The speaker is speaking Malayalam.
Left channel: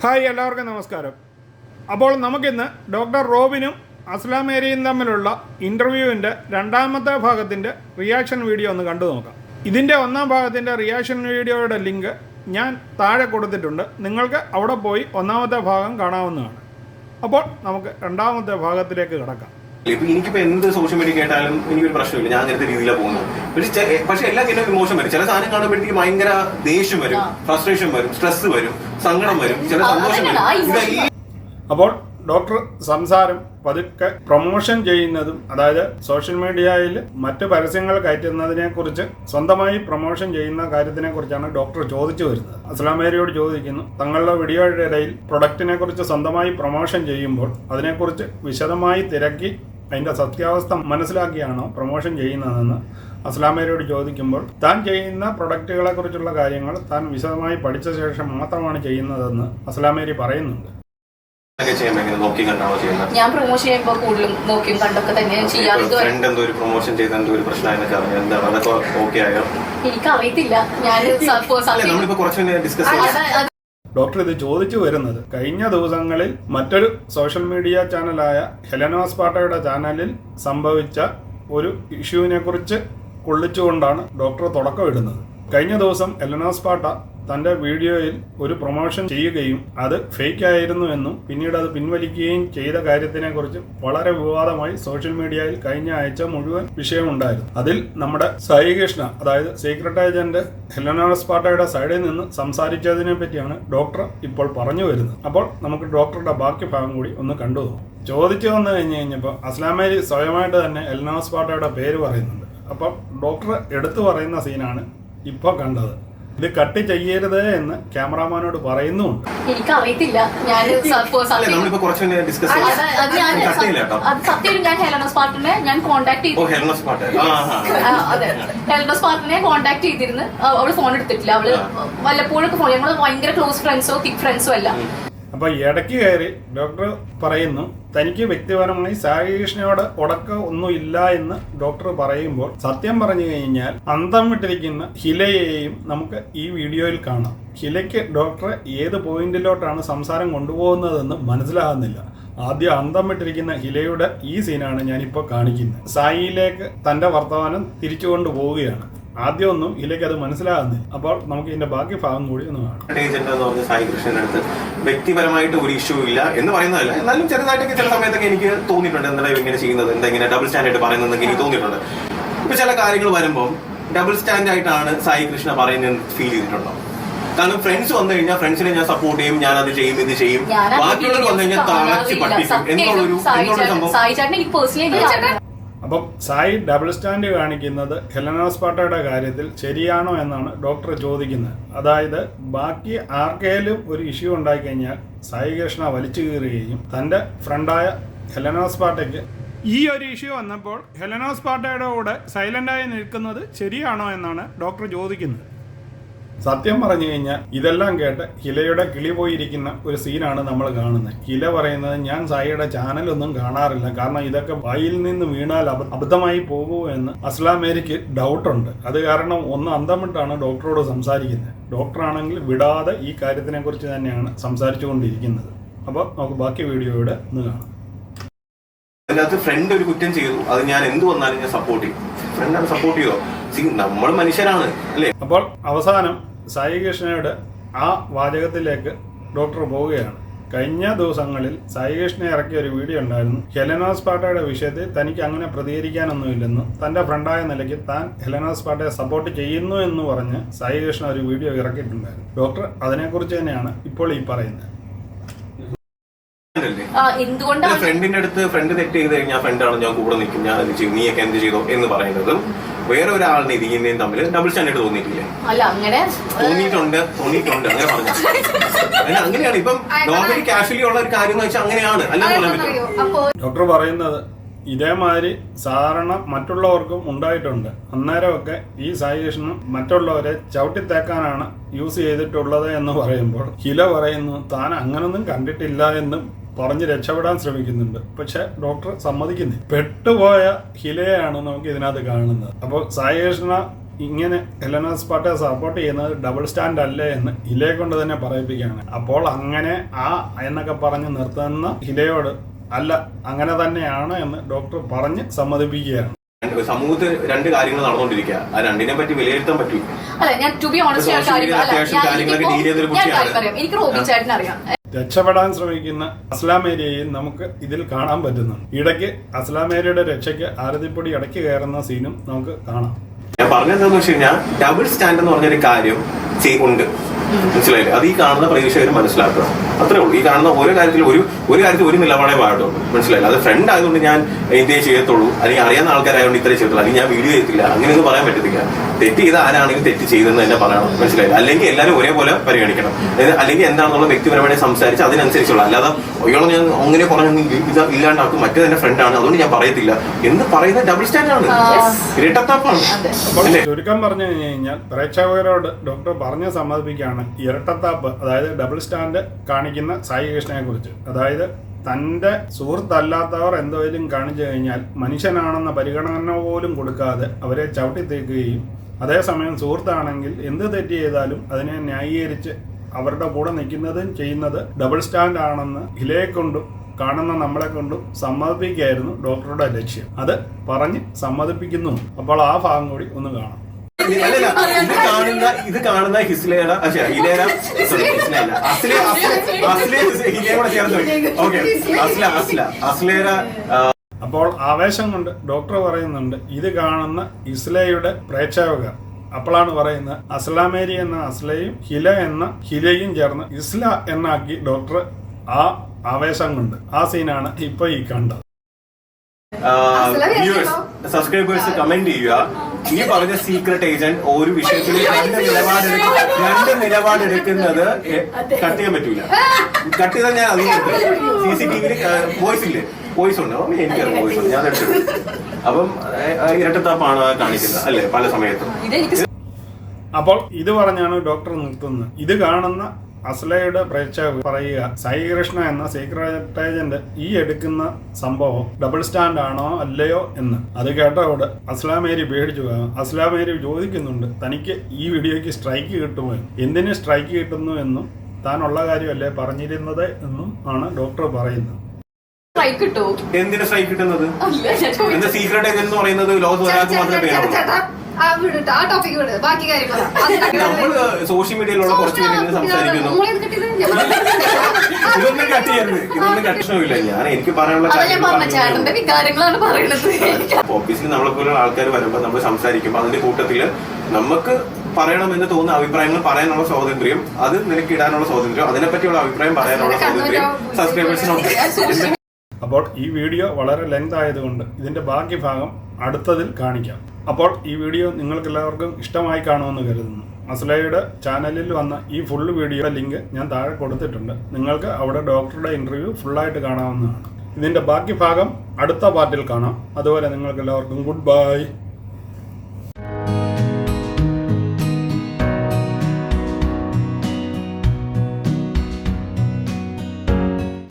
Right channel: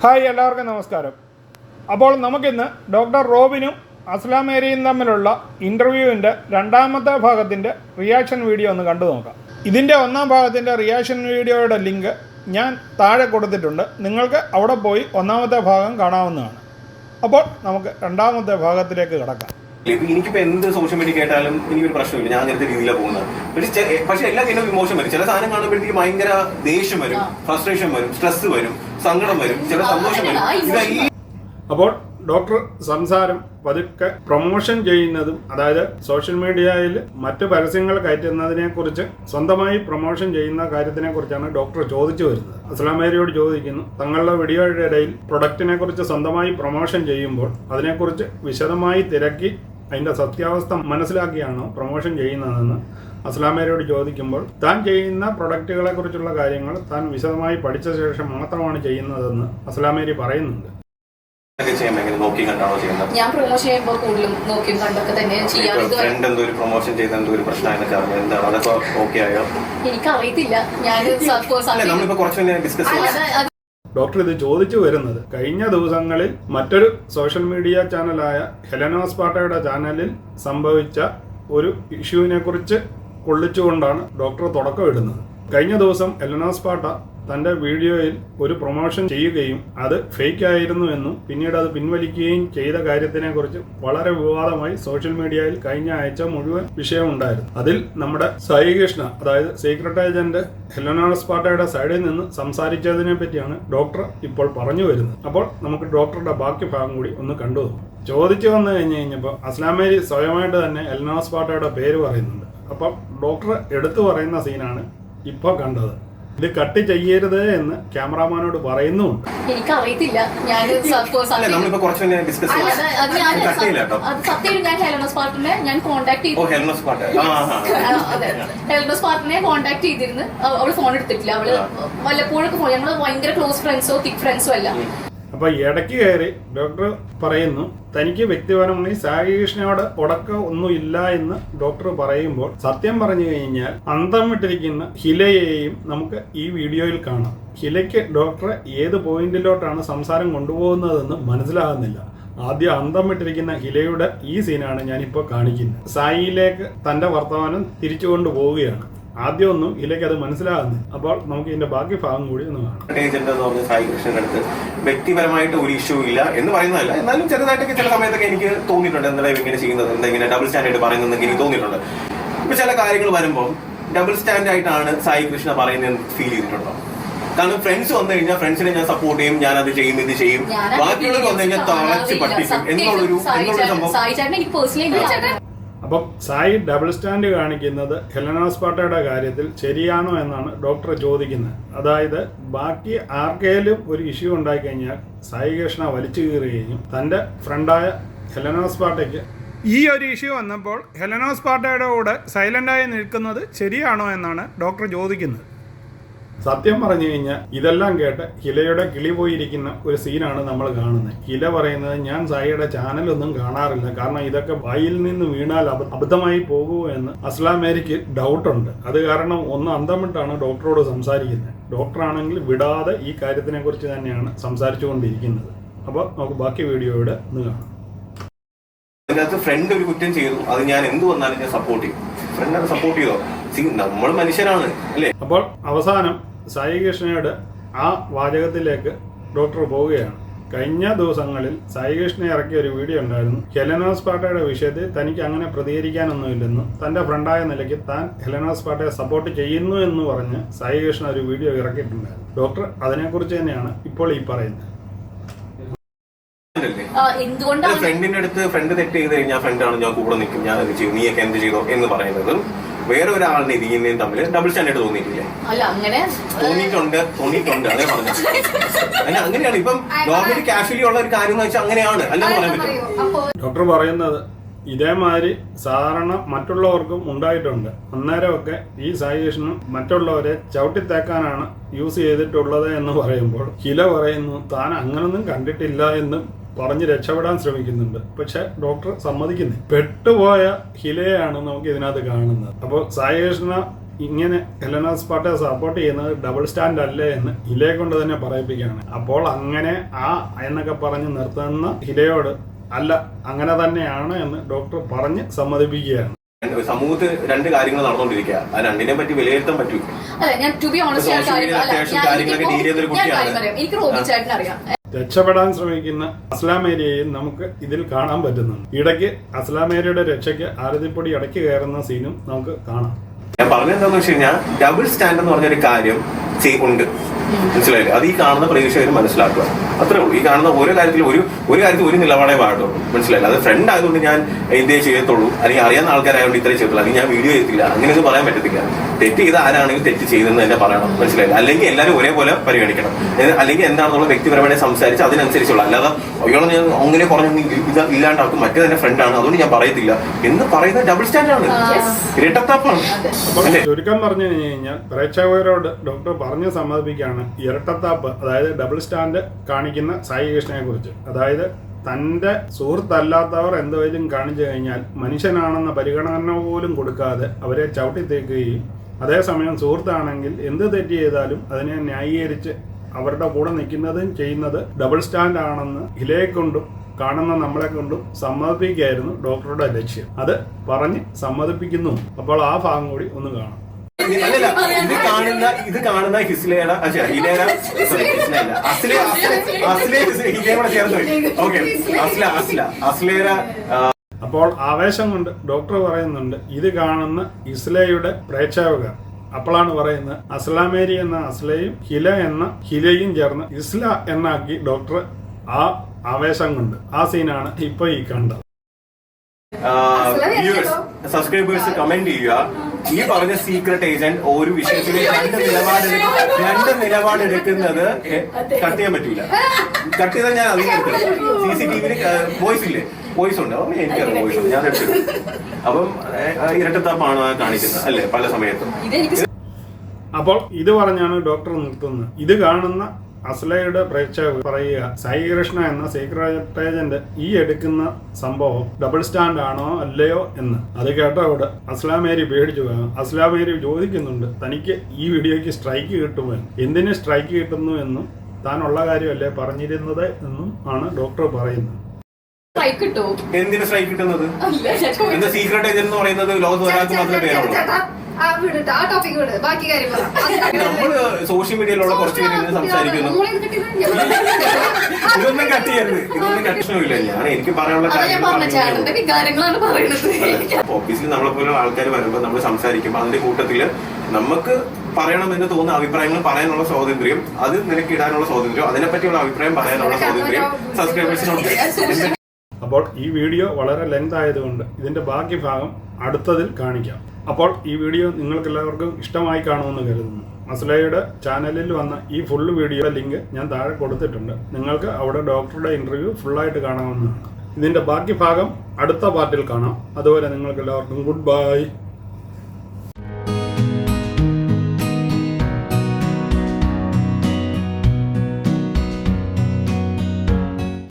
ഹായ്, എല്ലാവർക്കും നമസ്കാരം. അപ്പോൾ നമുക്കിന്ന് ഡോക്ടർ റോബിനും അസ്ലാം മേരിയും തമ്മിലുള്ള ഇൻ്റർവ്യൂവിൻ്റെ രണ്ടാമത്തെ ഭാഗത്തിൻ്റെ റിയാക്ഷൻ വീഡിയോ ഒന്ന് കണ്ടു നോക്കാം. ഇതിൻ്റെ ഒന്നാം ഭാഗത്തിൻ്റെ റിയാക്ഷൻ വീഡിയോയുടെ ലിങ്ക് ഞാൻ താഴെ കൊടുത്തിട്ടുണ്ട്. നിങ്ങൾക്ക് അവിടെ പോയി ഒന്നാമത്തെ ഭാഗം കാണാവുന്നതാണ്. അപ്പോൾ നമുക്ക് രണ്ടാമത്തെ ഭാഗത്തിലേക്ക് കടക്കാം. എനിക്കിപ്പോ എന്ത് സോഷ്യൽ മീഡിയ കേട്ടാലും എനിക്കൊരു പ്രശ്നമില്ല, ഞാൻ അങ്ങനത്തെ രീതിയിലാണ് പോകുന്നത്. പക്ഷെ എല്ലാ കഴിഞ്ഞ ഇമോഷൻ വരും. ചില സാധനം കാണുമ്പോഴത്തേക്ക് ഭയങ്കര ദേഷ്യം വരും, ഫ്രസ്ട്രേഷൻ വരും, സ്ട്രെസ് വരും, സങ്കടം വരും, ചില സന്തോഷം വരും. അപ്പോൾ ഡോക്ടർ സംസാരം പതുക്കെ പ്രൊമോഷൻ ചെയ്യുന്നതും, അതായത് സോഷ്യൽ മീഡിയയിൽ മറ്റ് പരസ്യങ്ങൾ കയറ്റുന്നതിനെ കുറിച്ച് സ്വന്തമായി പ്രൊമോഷൻ ചെയ്യുന്ന കാര്യത്തിനെ കുറിച്ചാണ് ഡോക്ടർ ചോദിച്ചു വരുന്നത്. അസ്ലാം മേരിയോട് ചോദിക്കുന്നു, തങ്ങളുടെ വീഡിയോയുടെ ഇടയിൽ പ്രൊഡക്റ്റിനെ കുറിച്ച് സ്വന്തമായി പ്രൊമോഷൻ ചെയ്യുമ്പോൾ അതിനെക്കുറിച്ച് വിശദമായി തിരക്കി അതിൻ്റെ സത്യാവസ്ഥ മനസ്സിലാക്കിയാണോ പ്രൊമോഷൻ ചെയ്യുന്നതെന്ന് അസ്ലാം മേരിയോട് ചോദിക്കുമ്പോൾ, താൻ ചെയ്യുന്ന പ്രൊഡക്റ്റുകളെ കുറിച്ചുള്ള കാര്യങ്ങൾ താൻ വിശദമായി പഠിച്ച ശേഷം മാത്രമാണ് ചെയ്യുന്നതെന്ന് അസ്ലാം മേരി പറയുന്നുണ്ട്. ഞാൻ പ്രൊമോഷൻ ചെയ്യുമ്പോൾ കൂടുതലും നോക്കിയും കണ്ടൊക്കെ തന്നെ എനിക്കറിയത്തില്ല. ഡോക്ടർ ഇത് ചോദിച്ചു വരുന്നത് കഴിഞ്ഞ ദിവസങ്ങളിൽ മറ്റൊരു സോഷ്യൽ മീഡിയ ചാനലായ ഹെലനോസ് പാട്ടയുടെ ചാനലിൽ സംഭവിച്ച ഒരു ഇഷ്യൂവിനെ കുറിച്ച് കൊള്ളിച്ചുകൊണ്ടാണ് ഡോക്ടർ തുടക്കമിടുന്നത്. കഴിഞ്ഞ ദിവസം ഹെലനോസ് പാട്ട തൻ്റെ വീഡിയോയിൽ ഒരു പ്രൊമോഷൻ ചെയ്യുകയും അത് ഫേക്ക് ആയിരുന്നു എന്നും പിന്നീട് അത് പിൻവലിക്കുകയും ചെയ്ത കാര്യത്തിനെ കുറിച്ച് വളരെ വിവാദമായി സോഷ്യൽ മീഡിയയിൽ കഴിഞ്ഞ ആഴ്ച മുഴുവൻ വിഷയമുണ്ടായിരുന്നു. അതിൽ നമ്മുടെ സായി കൃഷ്ണ, അതായത് സീക്രട്ട് ഏജന്റ് ഹെലനോസ് പാട്ടയുടെ സൈഡിൽ നിന്ന് സംസാരിച്ചതിനെ പറ്റിയാണ് ഡോക്ടർ ഇപ്പോൾ പറഞ്ഞു വരുന്നത്. അപ്പോൾ നമുക്ക് ഡോക്ടറുടെ ബാക്കി ഭാഗം കൂടി ഒന്ന് കണ്ടു നോക്കാം. ചോദിച്ചു വന്നു കഴിഞ്ഞപ്പോൾ അസ്ലാം മേരി സ്വയമായിട്ട് തന്നെ ഹെലനോസ് പാട്ടയുടെ പേര് പറയുന്നുണ്ട്. അപ്പം ഡോക്ടർ എടുത്തു പറയുന്ന സീനാണ് ഇപ്പോൾ കണ്ടത്. ഇത് കട്ട് ചെയ്യരുത് എന്ന് ക്യാമറാമാനോട് പറയുന്നുമുണ്ട്. എനിക്കറിയത്തില്ല. സത്യം ഞാൻ ഹെലനോസ് പാർട്ടിനെ കോണ്ടാക്ട് ചെയ്തിരുന്നു. അവള് ഫോൺ എടുത്തിട്ടില്ല. അവള് വല്ലപ്പോഴൊക്കെ ഫോൺ, ഞങ്ങള് ഭയങ്കര ക്ലോസ് ഫ്രണ്ട്സോ തിക് ഫ്രണ്ട്സോ അല്ല. അപ്പൊ ഇടയ്ക്ക് കയറി ഡോക്ടർ പറയുന്നു, തനിക്ക് വ്യക്തിപരമായി സായി കൃഷ്ണയോട് ഉടക്കം ഒന്നും ഇല്ല എന്ന് ഡോക്ടർ പറയുമ്പോൾ, സത്യം പറഞ്ഞു കഴിഞ്ഞാൽ അന്തം വിട്ടിരിക്കുന്ന ഹിലയെയും നമുക്ക് ഈ വീഡിയോയിൽ കാണാം. ഹിലയ്ക്ക് ഡോക്ടർ ഏത് പോയിന്റിലോട്ടാണ് സംസാരം കൊണ്ടുപോകുന്നതെന്ന് മനസ്സിലാകുന്നില്ല. ആദ്യം അന്തം വിട്ടിരിക്കുന്ന ഹിലയുടെ ഈ സീനാണ് ഞാനിപ്പോൾ കാണിക്കുന്നത്. സായിയിലേക്ക് തന്റെ വർത്തമാനം തിരിച്ചു കൊണ്ടുപോവുകയാണ്. ആദ്യമൊന്നും ഇതിലേക്ക് അത് മനസ്സിലാകുന്നില്ല. അപ്പോൾ നമുക്ക് ഇതിന്റെ ബാക്കി ഭാഗം കൂടി ഒന്ന് കാണാം. സായി കൃഷ്ണന്റെ അടുത്ത് വ്യക്തിപരമായിട്ട് ഒരു ഇഷ്യൂ ഇല്ല എന്ന് പറയുന്നതല്ല, എന്നാലും ചെറുതായിട്ടൊക്കെ ചില സമയത്തൊക്കെ എനിക്ക് തോന്നിയിട്ടുണ്ട്, എന്താ ഇങ്ങനെ ചെയ്യുന്നത്, എന്തെങ്കിലും ഡബിൾ സ്റ്റാൻഡേർഡ് പറയുന്നതെന്ന് എനിക്ക് തോന്നിയിട്ടുണ്ട്. ചില കാര്യങ്ങൾ വരുമ്പോൾ ഡബിൾ സ്റ്റാൻഡ് ആയിട്ടാണ് സായി കൃഷ്ണ പറയുന്നത് ഫീൽ ചെയ്തിട്ടുണ്ടോ? കാരണം ഫ്രണ്ട്സ് വന്നു കഴിഞ്ഞാൽ ഫ്രണ്ട്സിനെ ഞാൻ സപ്പോർട്ട് ചെയ്യും, ഞാൻ അത് ചെയ്യും, ഇത് ചെയ്യും. ബാക്കിയുള്ളവർ വന്നു കഴിഞ്ഞാൽ തളച്ച് പഠിക്കും എന്നുള്ളൊരു സംഭവം. അപ്പം സായി ഡബിൾ സ്റ്റാൻഡ് കാണിക്കുന്നത് ഹെലനോസ് പാട്ടയുടെ കാര്യത്തിൽ ശരിയാണോ എന്നാണ് ഡോക്ടർ ചോദിക്കുന്നത്. അതായത് ബാക്കി ആർക്കെങ്കിലും ഒരു ഇഷ്യൂ ഉണ്ടായിക്കഴിഞ്ഞാൽ സായി കൃഷ്ണ വലിച്ചു കീറുകയും തൻ്റെ ഫ്രണ്ടായ ഹെലനോസ് പാട്ടയ്ക്ക് ഈ ഒരു ഇഷ്യൂ വന്നപ്പോൾ ഹെലനോസ് പാട്ടയുടെ കൂടെ സൈലൻ്റായി നിൽക്കുന്നത് ശരിയാണോ എന്നാണ് ഡോക്ടർ ചോദിക്കുന്നത്. സത്യം പറഞ്ഞു കഴിഞ്ഞാൽ ഇതെല്ലാം കേട്ട് ഹിലയുടെ കിളി പോയിരിക്കുന്ന ഒരു സീനാണ് നമ്മൾ കാണുന്നത്. ഹില പറയുന്നത്, ഞാൻ സായിയുടെ ചാനലൊന്നും കാണാറില്ല, കാരണം ഇതൊക്കെ വായിൽ നിന്ന് വീണാൽ അബദ്ധമായി പോകുമോ എന്ന് അസ്ലാം മേരിക്ക് ഡൗട്ടുണ്ട്. അത് കാരണം ഒന്ന് അന്തം വിട്ടാണ് ഡോക്ടറോട് സംസാരിക്കുന്നത്. ഡോക്ടറാണെങ്കിൽ വിടാതെ ഈ കാര്യത്തിനെ കുറിച്ച് തന്നെയാണ് സംസാരിച്ചു കൊണ്ടിരിക്കുന്നത്. അപ്പോൾ നമുക്ക് ബാക്കി വീഡിയോയുടെ ഒന്ന് കാണാം. അതിനകത്ത് ഫ്രണ്ട് ഒരു കുറ്റം ചെയ്തു, അത് ഞാൻ എന്ത് വന്നാലും ഞാൻ സപ്പോർട്ട് ചെയ്യും. ഫ്രണ്ട് സപ്പോർട്ട് ചെയ്തോ? നമ്മൾ മനുഷ്യരാണ് അല്ലേ? അപ്പോൾ അവസാനം സായി കൃഷ്ണയുടെ ആ വാചകത്തിലേക്ക് ഡോക്ടർ പോവുകയാണ്. കഴിഞ്ഞ ദിവസങ്ങളിൽ സായി കൃഷ്ണ ഇറക്കിയ ഒരു വീഡിയോ ഉണ്ടായിരുന്നു. ഹെലനോസ് പാട്ടയുടെ വിഷയത്തിൽ തനിക്ക് അങ്ങനെ പ്രതികരിക്കാനൊന്നുമില്ലെന്നും തന്റെ ഫ്രണ്ടായ നിലയ്ക്ക് താൻ ഹെലനോസ് പാട്ടയെ സപ്പോർട്ട് ചെയ്യുന്നു എന്ന് പറഞ്ഞ് സായി കൃഷ്ണ ഒരു വീഡിയോ ഇറക്കിയിട്ടുണ്ടായിരുന്നു. ഡോക്ടർ അതിനെക്കുറിച്ച് തന്നെയാണ് ഇപ്പോൾ ഈ പറയുന്നത്. ഫ്രണ്ടിന്റെ അടുത്ത് ഫ്രണ്ട് തെറ്റ് ചെയ്ത് കഴിഞ്ഞാൽ ഫ്രണ്ടാണ് ഞാൻ കൂടെ നിൽക്കും, ഞാൻ അത് ചെയ്യും, നീയൊക്കെ എന്ത് ചെയ്തോ എന്ന് പറയുന്നത് വേറെ ഒരാളിനെ ഇതിനെയും തമ്മിൽ ഡബിൾ സ്റ്റാൻഡേർഡ് തോന്നിയിട്ടില്ലേ? തോന്നിയിട്ടുണ്ട് അങ്ങനെ പറഞ്ഞു. അങ്ങനെയാണ് ഇപ്പം നോർമലി കാഷ്വലി ഉള്ള ഒരു കാര്യം വെച്ചാൽ അങ്ങനെയാണ്, അല്ലാതെ പറയാൻ പറ്റും. ഡോക്ടർ പറയുന്നത് ഇതേമാതിരി സാധാരണ മറ്റുള്ളവർക്കും ഉണ്ടായിട്ടുണ്ട്. അന്നേരമൊക്കെ ഈ സായി കൃഷ്ണൻ മറ്റുള്ളവരെ ചവിട്ടിത്തേക്കാനാണ് യൂസ് ചെയ്തിട്ടുള്ളത് എന്ന് പറയുമ്പോൾ ഹില പറയുന്നു, താൻ അങ്ങനൊന്നും കണ്ടിട്ടില്ല എന്നും പറഞ്ഞ് രക്ഷപ്പെടാൻ ശ്രമിക്കുന്നുണ്ട്. പക്ഷെ ഡോക്ടർ സമ്മതിക്കുന്നില്ല. പെട്ടുപോയ ഹിലയാണ് നമുക്ക് ഇതിനകത്ത് കാണുന്നത്. അപ്പോൾ സായി കൃഷ്ണ ഇങ്ങനെ ഹെലന സ്പാർട്ടയെ സപ്പോർട്ട് ചെയ്യുന്നത് ഡബിൾ സ്റ്റാൻഡ് അല്ലേ എന്ന് ഹിലയെ കൊണ്ട് തന്നെ പറയിപ്പിക്കുകയാണ്. അപ്പോൾ അങ്ങനെ എന്നൊക്കെ പറഞ്ഞ് നിർത്തുന്ന ഹിലയോട് അല്ല അങ്ങനെ തന്നെയാണ് എന്ന് ഡോക്ടർ പറഞ്ഞ് സമ്മതിപ്പിക്കുകയാണ്. സമൂഹത്തിൽ രണ്ട് കാര്യങ്ങൾ നടന്നുകൊണ്ടിരിക്കുക, ആ രണ്ടിനെ പറ്റി വിലയിരുത്താൻ പറ്റും. അല്ല ഞാൻ ടു ബി ഓണസ്റ്റ് എനിക്ക് റോബി ചേട്ടൻ അറിയാം. രക്ഷപ്പെടാൻ ശ്രമിക്കുന്ന അസ്ലാമേരിയെയും നമുക്ക് ഇതിൽ കാണാൻ പറ്റുന്നുണ്ട്. ഇടയ്ക്ക് അസ്ലാമേരിയുടെ രക്ഷയ്ക്ക് ആരതിപ്പൊടി ഇടയ്ക്ക് കയറുന്ന സീനും നമുക്ക് കാണാം. ഞാൻ പറഞ്ഞെന്താന്ന് വെച്ച് കഴിഞ്ഞാൽ ഡബിൾ സ്റ്റാൻഡ് എന്ന് പറഞ്ഞൊരു കാര്യം ഉണ്ട്, മനസ്സിലായില്ലേ? അത് ഈ കാണുന്ന പ്രേക്ഷകർ മനസ്സിലാക്കണം, അത്രേ ഉള്ളൂ. ഈ കാണുന്ന ഓരോ കാര്യത്തിലും ഒരു നിലപാടേ പാടുള്ളൂ, മനസ്സിലായില്ല? അത് ഫ്രണ്ട് ആയതുകൊണ്ട് ഞാൻ ഇതേ ചെയ്യത്തുള്ളൂ, അല്ലെങ്കിൽ അറിയാവുന്ന ആൾക്കാരായതുകൊണ്ട് ഇത്രേ ചെയ്യത്തുള്ളൂ, അല്ലെങ്കിൽ ഞാൻ വീഡിയോ ചെയ്യത്തില്ല, അങ്ങനെയൊന്നും പറയാൻ പറ്റത്തില്ല. തെറ്റ് ചെയ്ത ആരാണെങ്കിൽ തെറ്റ് ചെയ്തെന്ന് തന്നെ പറയണം, മനസ്സിലായില്ല? അല്ലെങ്കിൽ എല്ലാവരും ഒരേപോലെ പരിഗണിക്കണം, അല്ലെങ്കിൽ എന്താണെന്നുള്ള വ്യക്തിപരമായി സംസാരിച്ച് അതിനനുസരിച്ചുള്ള, അല്ലാതെ അയ്യോളം ഞാൻ അങ്ങനെ പറഞ്ഞു ഇല്ലാണ്ട് ആൾക്ക് മറ്റേ തന്നെ ഫ്രണ്ടാണ് അതുകൊണ്ട് ഞാൻ പറയത്തില്ല എന്ന് പറയുന്ന ഡബിൾ സ്റ്റാൻഡാണ്, ഇരട്ടത്താപ്പാണ്. അപ്പോൾ ചുരുക്കം പറഞ്ഞു കഴിഞ്ഞാൽ പ്രേക്ഷകരോട് ഡോക്ടർ പറഞ്ഞ് സമ്മതിപ്പിക്കുകയാണ് ഇരട്ടത്താപ്പ്, അതായത് ഡബിൾ സ്റ്റാൻഡ് കാണിക്കുന്ന സായി കൃഷ്ണയെ കുറിച്ച്. അതായത് തൻ്റെ സുഹൃത്തല്ലാത്തവർ എന്തെങ്കിലും കാണിച്ചു കഴിഞ്ഞാൽ മനുഷ്യനാണെന്ന പരിഗണന പോലും കൊടുക്കാതെ അവരെ ചവിട്ടിത്തേക്കുകയും അതേസമയം സുഹൃത്താണെങ്കിൽ എന്ത് തെറ്റ് ചെയ്താലും അതിനെ ന്യായീകരിച്ച് അവരുടെ കൂടെ നിൽക്കുന്നതും ചെയ്യുന്നത് ഡബിൾ സ്റ്റാൻഡ് ആണെന്ന് ഹിലയെ കൊണ്ടും കാണുന്ന നമ്മളെ കൊണ്ടും സമ്മതിപ്പിക്കുകയായിരുന്നു ഡോക്ടറുടെ ലക്ഷ്യം. അത് പറഞ്ഞ് സമ്മതിപ്പിക്കുന്നു. അപ്പോൾ ആ ഭാഗം കൂടി ഒന്ന് കാണാം. ഇത് കാണുന്ന ഹിസ്ലേന അപ്പോൾ ആവേശം കൊണ്ട് ഡോക്ടർ പറയുന്നുണ്ട് ഇത് കാണുന്ന ഇസ്ലയുടെ പ്രേക്ഷകർ. അപ്പോഴാണ് പറയുന്നത് അസ്ലാമേരി എന്ന അസ്ലയും ഹില എന്ന ഹിലയും ചേർന്ന് ഇസ്ല എന്നാക്കി ഡോക്ടർ ആ ആവേശം കൊണ്ട്. ആ സീനാണ് ഇപ്പൊ ഈ കണ്ടത്. സബ്സ്ക്രൈബേഴ്സ് കമന്റ് ചെയ്യുക, ഈ പറഞ്ഞ സീക്രട്ട് ഏജന്റ് ഒരു വിഷയത്തിൽ രണ്ട് നിലപാടെടുക്കുന്നത് കട്ട് ചെയ്യാൻ പറ്റില്ല. കട്ട് ചെയ്താൽ ഞാൻ അറിയുന്നത് CCTV വോയിസ് ഇല്ലേ, വോയിസ് ഉണ്ട്, എനിക്കറിയാം വോയിസ് ഉണ്ട്, ഞാൻ എടുത്തു. അപ്പം ഇരട്ടത്താപ്പാണ് കാണിക്കുന്നത് അല്ലെ പല സമയത്തും. അപ്പോൾ ഇത് പറഞ്ഞാണ് ഡോക്ടർ നിർത്തുന്നത്. ഇത് കാണുന്ന അസ്ലയുടെ പ്രേക്ഷകർ പറയുക സായി കൃഷ്ണ എന്ന സീക്രട്ട് ഏജന്റ് ഈ എടുക്കുന്ന സംഭവം ഡബിൾ സ്റ്റാൻഡ് ആണോ അല്ലയോ എന്ന്. അത് കേട്ടവിടെ അസ്ലാമേരി പേടിച്ചു പോകും. അസ്ലാമേരി ചോദിക്കുന്നുണ്ട് തനിക്ക് ഈ വീഡിയോയ്ക്ക് സ്ട്രൈക്ക് കിട്ടുമോ, എന്തിന് സ്ട്രൈക്ക് കിട്ടുന്നു എന്നും താനുള്ള കാര്യമല്ലേ പറഞ്ഞിരുന്നത് എന്നും ആണ് ഡോക്ടർ പറയുന്നത്. എന്തിന് സ്ട്രൈക്ക് കിട്ടുന്നത്? എന്താ സീക്രട്ട് ഏജന്റ് എന്ന് പറയുന്നത് ലോകത്ത് ഒരാൾക്ക് മാത്രമേ പേരുള്ളൂ. നമ്മള് സോഷ്യൽ മീഡിയയിലുള്ള കുറച്ച് പേര് സംസാരിക്കുന്നു. ഇതൊന്നും കട്ട് ചെയ്യരുത്, ഇതൊന്നും കഷ്ടമില്ല. ഞാൻ എനിക്ക് പറയാനുള്ള ഓഫീസിൽ നമ്മളെ പോലുള്ള ആൾക്കാർ വരുമ്പോൾ നമ്മൾ സംസാരിക്കുമ്പോൾ അതിന്റെ കൂട്ടത്തില് നമുക്ക് പറയണമെന്ന് തോന്നുന്ന അഭിപ്രായങ്ങൾ പറയാനുള്ള സ്വാതന്ത്ര്യം, അത് നിനക്ക് ഇടാനുള്ള സ്വാതന്ത്ര്യം, അതിനെപ്പറ്റിയുള്ള അഭിപ്രായം പറയാനുള്ള സ്വാതന്ത്ര്യം സബ്സ്ക്രൈബേഴ്സിനുണ്ട്. അപ്പോൾ ഈ വീഡിയോ വളരെ ലെങ്ത് ആയതുകൊണ്ട് ഇതിന്റെ ബാക്കി ഭാഗം അടുത്തതിൽ കാണിക്കാം. അപ്പോൾ ഈ വീഡിയോ നിങ്ങൾക്ക് എല്ലാവർക്കും ഇഷ്ടമായി കാണുമെന്ന് കരുതുന്നു. അസ്ലയുടെ ചാനലിൽ വന്ന ഈ ഫുൾ വീഡിയോയുടെ ലിങ്ക് ഞാൻ താഴെ കൊടുത്തിട്ടുണ്ട്. നിങ്ങൾക്ക് അവിടെ ഡോക്ടറുടെ ഇന്റർവ്യൂ ഫുള്ളായിട്ട് കാണാവുന്നതാണ്. ഇതിന്റെ ബാക്കി ഭാഗം അടുത്ത പാർട്ടിൽ കാണാം. അതുവരെ നിങ്ങൾക്ക് എല്ലാവർക്കും ഗുഡ് ബൈ.